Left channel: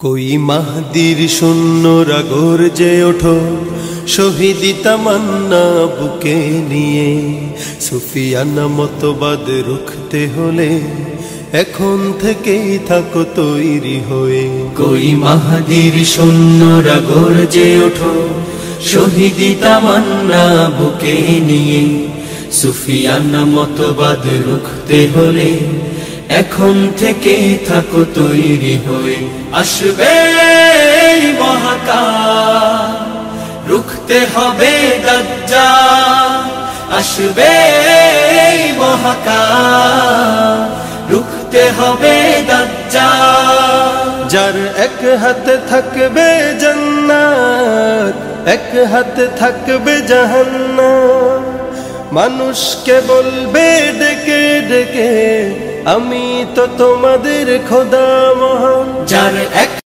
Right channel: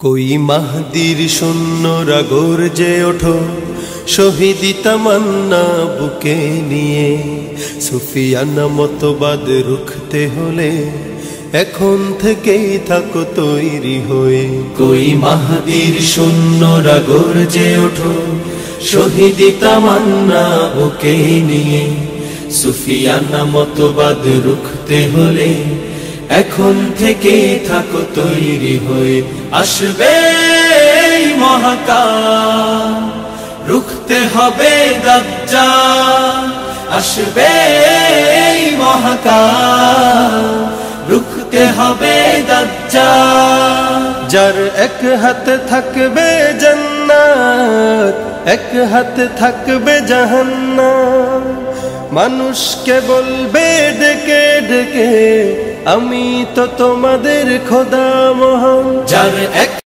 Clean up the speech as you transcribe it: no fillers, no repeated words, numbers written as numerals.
कोई महदीर शून्यरा गरजे ओठो शहीदी तमन्ना बुके निये सुफियाना मतबाद रुखते होले एखन थेकेई थाको तैरी होए। कोई महदीर शून्यरा गरजे ओठो शहीदी तमन्ना बुके निये सुफियाना मतबाद रुखते होले এখন থেকে থাকো তৈরি হয়ে। আসবে মহাকাল রুখতে হবে দাজ্জাল, আসবে মহাকাল রুখতে হবে দাজ্জাল। যার এক হাতে থাকবে জান্নাত এক হাতে থাকবে জাহান্নাম, মানুষকে বলবে ডেকে ডেকে আমি তো তোমাদের খোদা মহান। যার এক